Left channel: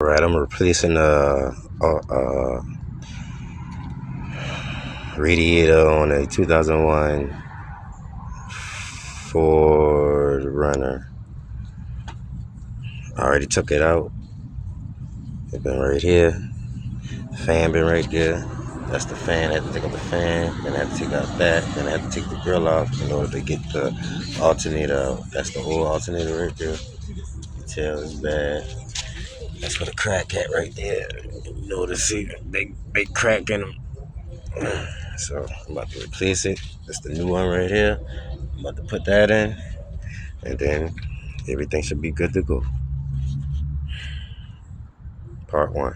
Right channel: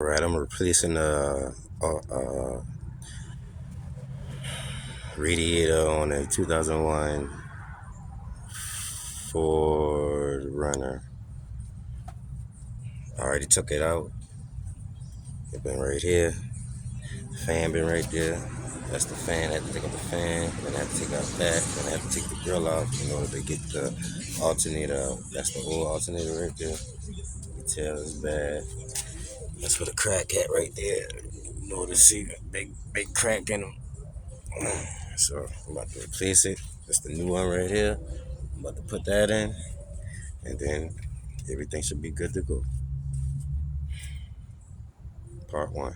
Alright, I'm replacing radiator on a 2001 Ford Runner. I already took it out. It's been right here. Fan been right there. That's the fan. I had to take out the fan. Then I had to take out that. Then I had to take the grill off in order to get the alternator out. That's the whole alternator right there. The tail is bad. That's where the crack at right there. You know to see big crack in them. So I'm about to replace it. That's the new one right here. I'm about to put that in, and then everything should be good to go. Part 1.